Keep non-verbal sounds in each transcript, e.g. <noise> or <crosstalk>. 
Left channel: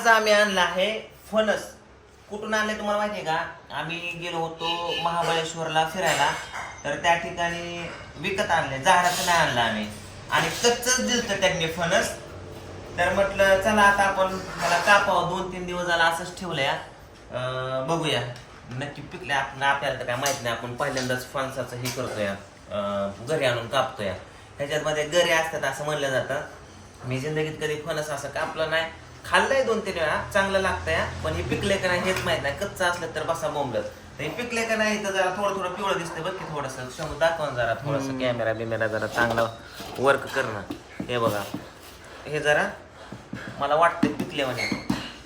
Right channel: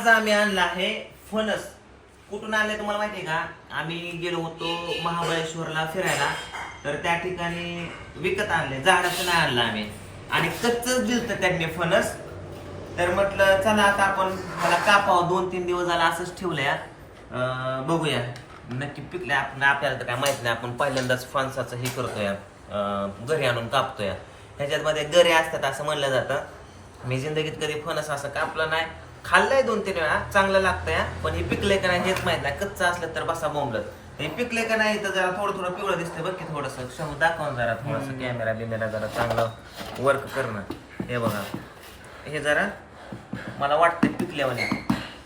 आज आम्ही आणला आहे फणस. कुठून आणले तुम्हाला माहिती आहे का? आम्ही गेलो होतो महाबळेश्वरला फिरायला. तर त्या ठिकाणी विकत आणले. झाडाचं नाही आणलं आम्ही. आणि कच्चच दिलतं त्यांनी फणस. तर म्हटलं चला आता आपण मला कापावं. दोन तीन दिवस झाला असंच ठेवलंय. बघूया. नक्की पिकले आपण आपल्याला तर काय माहीत नाही. आपण पहिल्यांदाच फणसाचं हे करतोय. घरी आणून कापतोय. ह्याच्यामध्ये गरे असतात असं म्हणलं जातं. मी जिंदगीत कधी फणस असं कापलं नाही. खाल्लंय दोन तीन वेळा. चांगलं लागतंय. पण हे पिकले का नाही हेच माहीत नाही. कच्चं असलं तर बसा बोंबलत. तर हे पिकले का नाही तर जरा थोडं थोडं पिवळं दिसतंय बघ की थोडंसं. समोर दाखवा ना जरा थोडंसं कॅमेरा बिमेरा जरा चांगलं वर्क करणं. हे बघा. हे जरा मला वाटतं पिकल्यावाने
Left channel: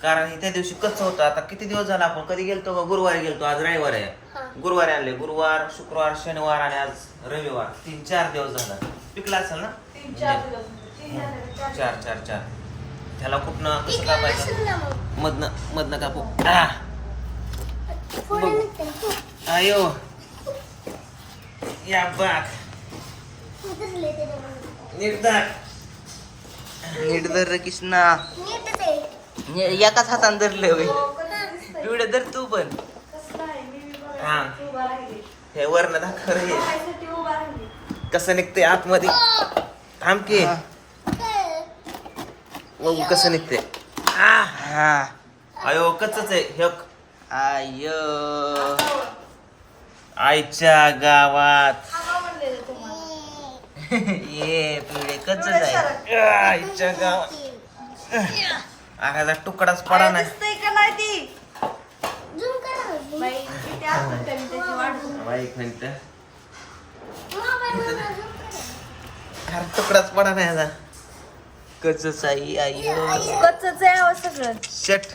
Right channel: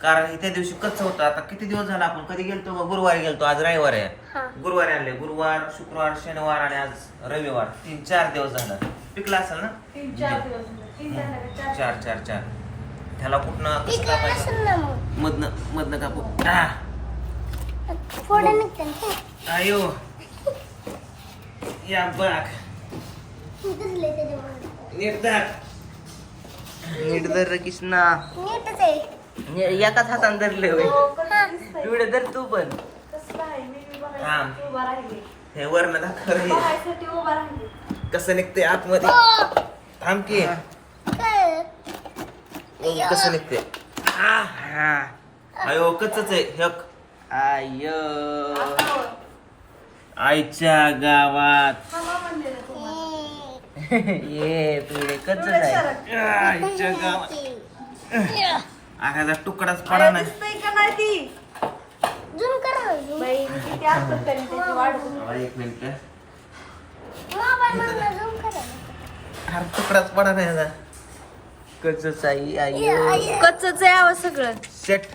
कारण हे त्या दिवशी कच्चं होतं आता किती दिवस झाला आपण कधी गेलतो गुरुवारी गेलतो. आज रविवार आहे. गुरुवारी आणले. गुरुवार शुक्रवार शनिवार आणि आज रविवार. तीन चार दिवस झाला. पिकला असेल ना? तीन चार चार चार. त्याला कुठनं कसं कापायचं मधनं मधनं कापू अयो. या बाग नीट दाख नीट धर कृष्णा. एकाच हाताने धरले हो, दिसतंय? पिवडे धर तू पण. थांब. उभा राहिली. हे वर्ण दाखव. कसं निघते आतमध्ये? थांब की. हा. बघू कसं निघते आह, हा अयो कच्च आहे हे बघ. आयो आईच्या गावात. <laughs> ये कच्च एवढं आहे. आईच्या गावात आगाचा तुकडाच पडा नाही. थांबा एक मिनिट अरे तुकडाच पडा नाही ह्याचा. कच्च आहे आयो कच्चंच आहे आवाज सगळं. शट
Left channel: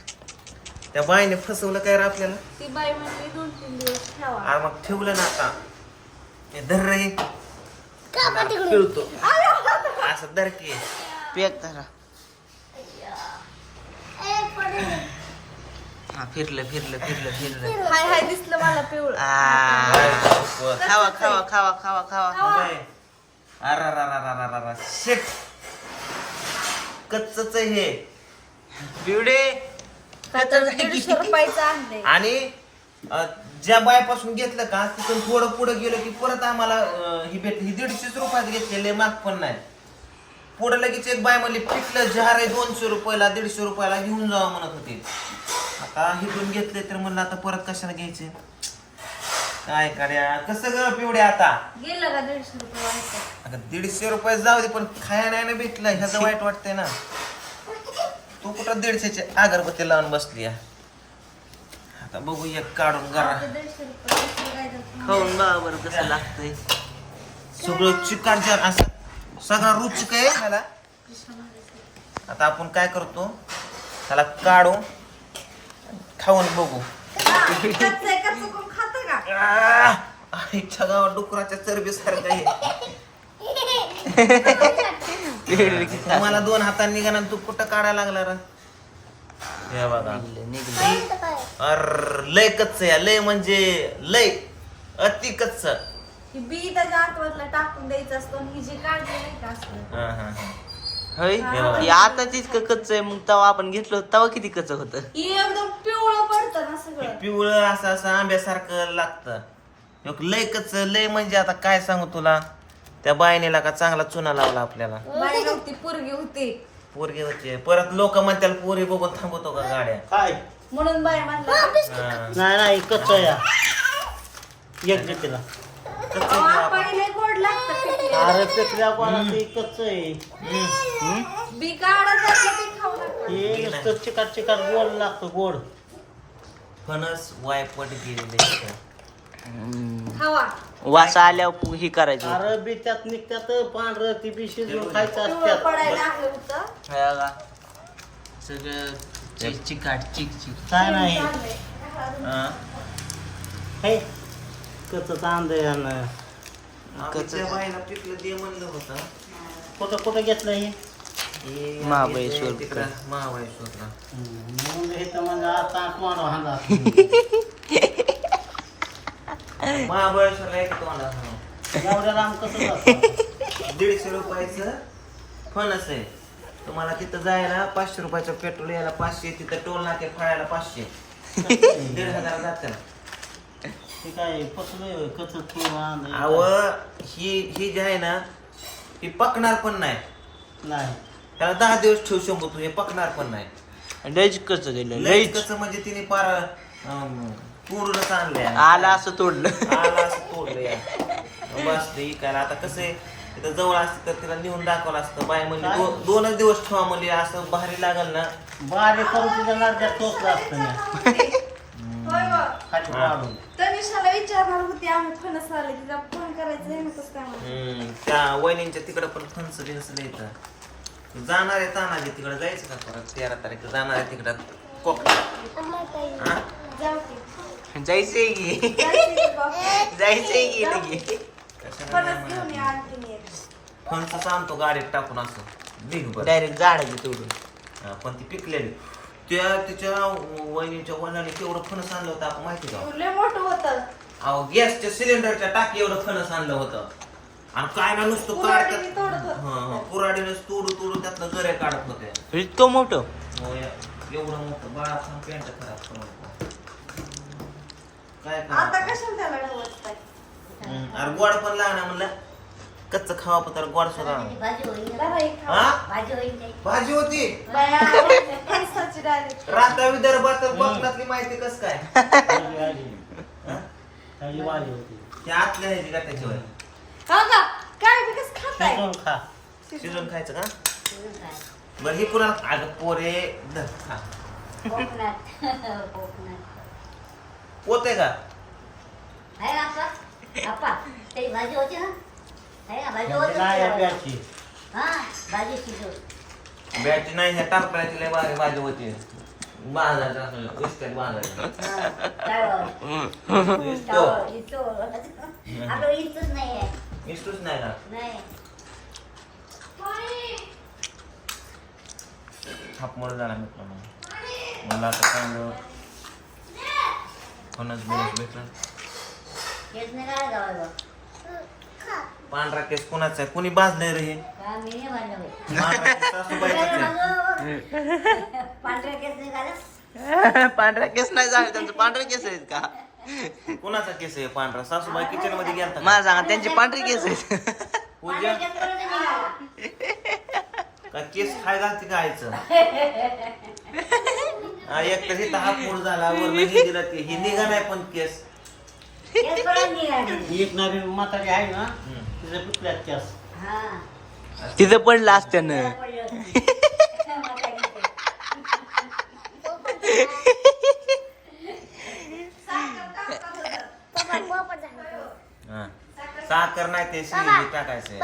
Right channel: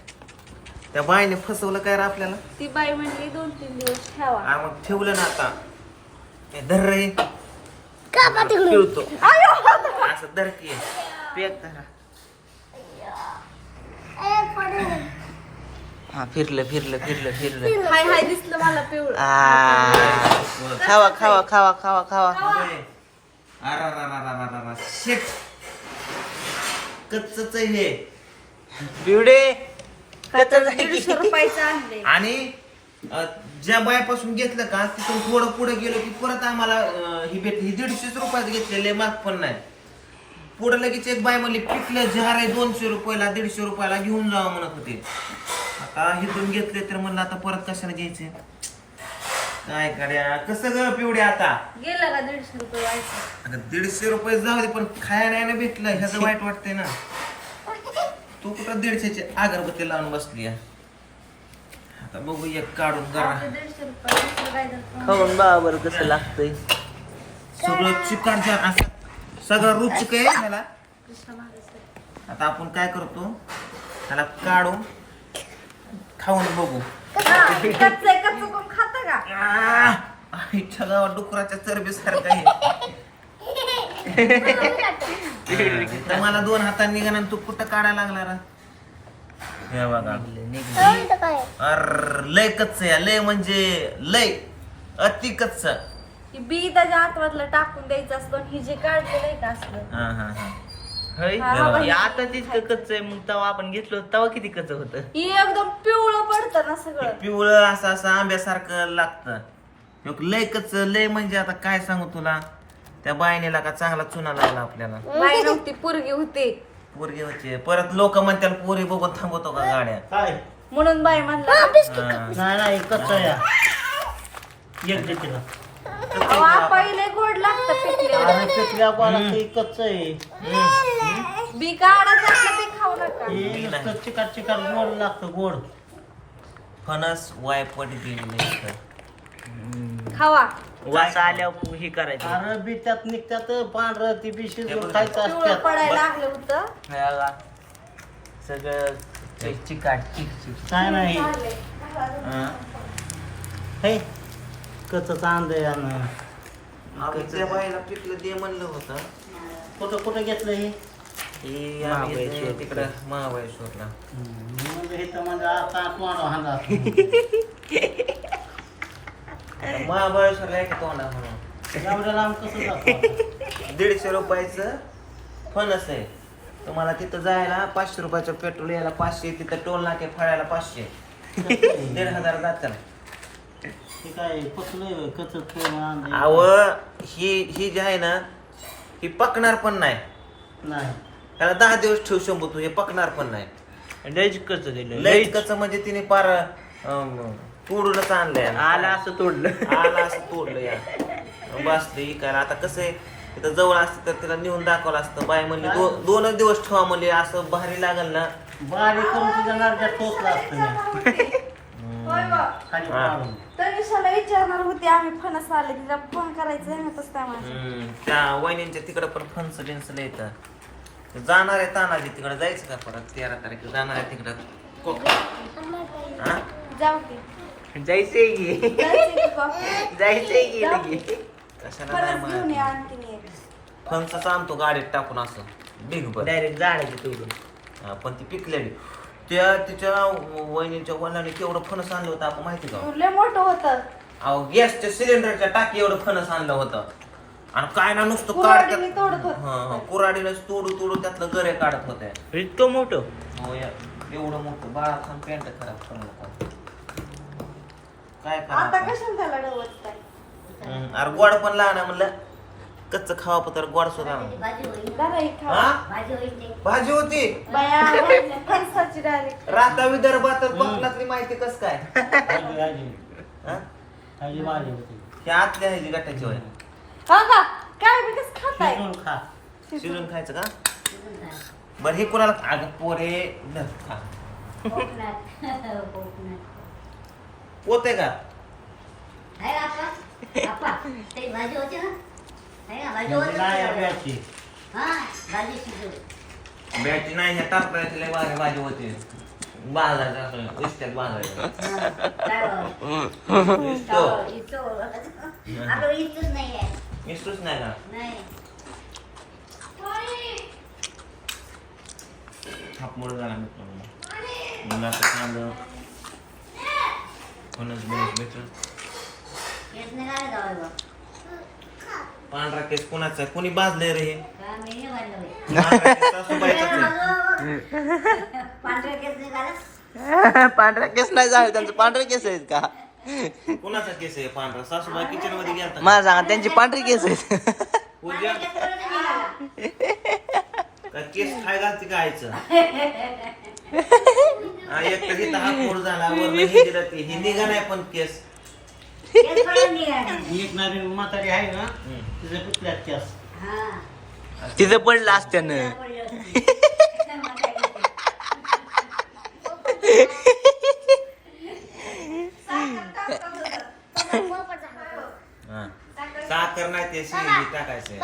त्या बाईने फसवलं काय रे आपल्याला? ती बाई म्हणली दोन तीन दिवस ठेवा. अरे मग ठेवलं ना आता. हे धर रे. पिळतो. असं धर की. पेक धरा. हा फिरलं फिरलं फिरलं फिरलं. हाय हाय दिसलं मला पिवळं. आ, खावा खावा खावा खावा खावा. अरे शेट कच्चच हे पिवडे. दीडशे रुपयाचं आणि अ, ज्या बायापासून घेतलं का तिथून थोडं पुढे गेलो की परत आम्हाला अ, ही भेट ही दीडशेच रुपयात घेतलेले माग पण नाही. पुढे लगेच एक बाय म्हणली पिकलं जहार आहे दोनशे रुपयाला दीडशे रुपयाला घेऊन जावं म्हणत होते. आता हिथून घेतले तर म्हणलं आता परत कशाला घ्यायचे? काय कड्या कसं ग पिवड्या आता? गेलं का दीडशे रुपये आता दीडशे रुपये जाऊ दे पण खाया नाही ना भेटलं. ह्याचं वाईट वाटतंय ना. तू कुठं दीडशेची अगरबत्ती लावून बसली आहे? आता बघू एक काढून जरा दीडशे रुपये दुसरं काय देतो? खाऊन बा बरं कसं लागतंय. सगळं चिकन असं सगळं रुचिक आहे ह्याला. आता आपण काय करतो? ह्याला काढू खाऊन बघू. हा, कच्चं आहे, कच्चं कोण खातं का आह! आईच्या गावात डुकराच्या चरबीसारखं आहे. तुम्हाला दोन हातांनी निघाला तू कुठं काढायला लागला रा? हे बघा. अर लय कच्च आहे लय म्हणजे लय अति कच्च. बी त्याच्या आतमधलं टाकून द्यायचं असतं ही जे काढलेलं आहे ते असलं. हा हा हा. होय? हा, हे. आता इतकं कच्च आहे मग तेव्हा आपण घेतलं तेव्हा किती कच्च होतं? ही एकदम पिवळं पडतं ना सगळं. पिवळं असं असं आंब्यासारखं लागतं. मग लय कच्च लय म्हणजे आता काय सांगू तुला? त्या बायनेला का चांगला चुना लागला आपल्याला? बाई नव्हती पोरगी होती. पोरगी होती. परत लोक म्हणतात पोरी बघून थांबवतो का गाड्या? काय? म्हणून बाई म्हणला हा. नाही नाही कच्चा या एक दे तिला "अहो, पहिले गोड लागतं अरे पिकल्या आहे. त्यातलं खाऊ नका. हे नुसतं चिकाट चिकाट गोड लागतं गोड. फणस वायपट गेलेलं इथं. खावा. वास आल्यावर ही करायची. अरे बी त्यात निघतात पांढरं ती बी शिजवून खायचं असतात. पडायला लागलं होतं. हे बघा. सगळं चिकाट चिक चिक. काय नाही. हा. हे. कच्च आंब आहे यानं. आम्ही त्या बाईला पिकलं दे म्हणलं होतं. कुठं कुठं घेतलं हे? हे आम्ही महाबळेश्वर. ते तिकडं महाबळेश्वरला. मग हे तर म्हणजे कास मारो हांडा आता महाबळेश्वरला आहे का तोंडा म्हणून एवढ्या लांब कसं जातं? दीडशे रुपयाचं फणस आहे. तुम्हाला तिथं जायला पाचशे रुपयाचं पेट्रोल यायला पाचशे तिथं टोल नाके फाळायला पाचशे. दीड हजार जातात ते काय पचलंय कच अव ही ही जी आहे ना ही पकणार पण नाही. नाही. त्याला दहा दिवस ठेवू शंभू तू हे पकणार पण नाही. लयच कच गेलं लय लयच कसं म्हणजे तिने पार अं, तोडूनच आणलंय आला असं तोडलं. आला असं तोडलं या. बस ते इकायला आता कसं आहे तिथं जवळ असते तर तिला नेऊन दाखवलं असतं. बाय म्हणली दो- दोनच दिवस ठेवा म्हणली असं भारी लागल ना. बारीक करून तुझ्या नारड्यात टोचला असतं. <laughs> हा. तनिषाला विचारणार होते आम्ही फणस आले तिला फोन करायचा आहे ना कसं काय म्हणते. हम्म, त्या वहिनींच्या तिकडं पण फणस बिनस येतं. जाणार आहे तानाजी तिकडे जायचं का परत? तेरा तारीख जाणार आहे तिकडं. हा? जाऊ की जायचंय की. जायचंय की बाबा? जायचंय की लगे. कशाला नाही परत घेऊन म्हणत या आणखीन एक. फणसाच आणतो गाडीत टाकून असं. ढीगभर डायरेक्ट झाडाची तोडून. हा, पण ती पिकलेली. त्या तिच्या वहिनीच्या वडिलांनी केवढं फणस आणलं होतं आपण माहिती का? लय मोठं होतं. अहो गॅसच्या सिलेंडरच्या टाकी एवढं फणस आणलं होतं. आणि काय ना नुसतं कुऱ्हाडीने तोडत होतं. हा, हा, तोडू तोडू त्यातलं गरे काढत होते. इतकं मोठं? हो या. एवढं मोठं. बाळा खान पॅन्ट खराब करू नको काय आता? कशाला त्याला डोळसताय? हम्म, अरे गोड पण लागणार म्हणलं. कच्च खावा पण तर गोड सुद्धा. हा? भाजी होती? राता विदर्भात कोकणातली माहिती कस काय? भाजी. हा? भाजी त्या आतल्या ह्याची होय हा शिजून खायचं का? बरं हे कुणाला अगं पोरे खा. पोते का. बॅची नाही ह्या टाकळ्याची लय भारी भाजी होती. नाही का थापमोड झाला मित्र म्हणलं आता चांगलं बिनस भेटून पांढरा केस कोणाचा आहे? कोणी बाजलंय रे हे? पांढरा केस सासूबाईचाच आहे. <laughs> पांढरा केस नाही झाले? <laughs> त्यांचे पांढरे केस आहेत का? कोणाचा केस आहे पांढरा? सासूबाई किचनमध्ये गेलता मला सांगा त्यांचे पांढरे केस आहेत. पूजा का? केस खाय घालते का आईचं? <laughs> हा, एक तर हिथं हा फोड झाला वर हे दिलं ते हे निघा नाही पण केस. <laughs> एक नवीन म्हातारी आहे ना हम्म. तिचं पुतल्यात केस तिथं पडलं असत्यानं हा. साखर नाही ते शिवी टाकायचं.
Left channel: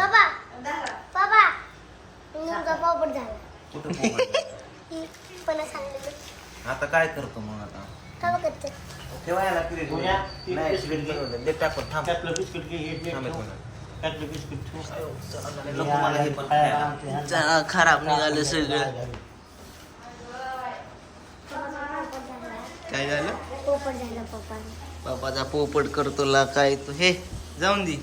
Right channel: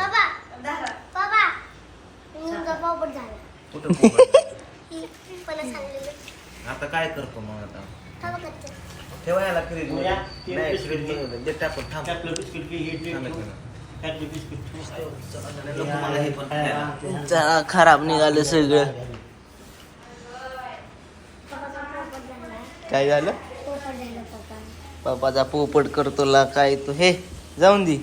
कुठं पोपट झालं? आता काय करतो मग आता? ठेवायला फ्रीज नाही. फ्रीज दे टाकून थांब. थांब खराब निघालं सगळं. काय झालं? बापाचा पोपट करतो ला काय तो हे जाऊन दे.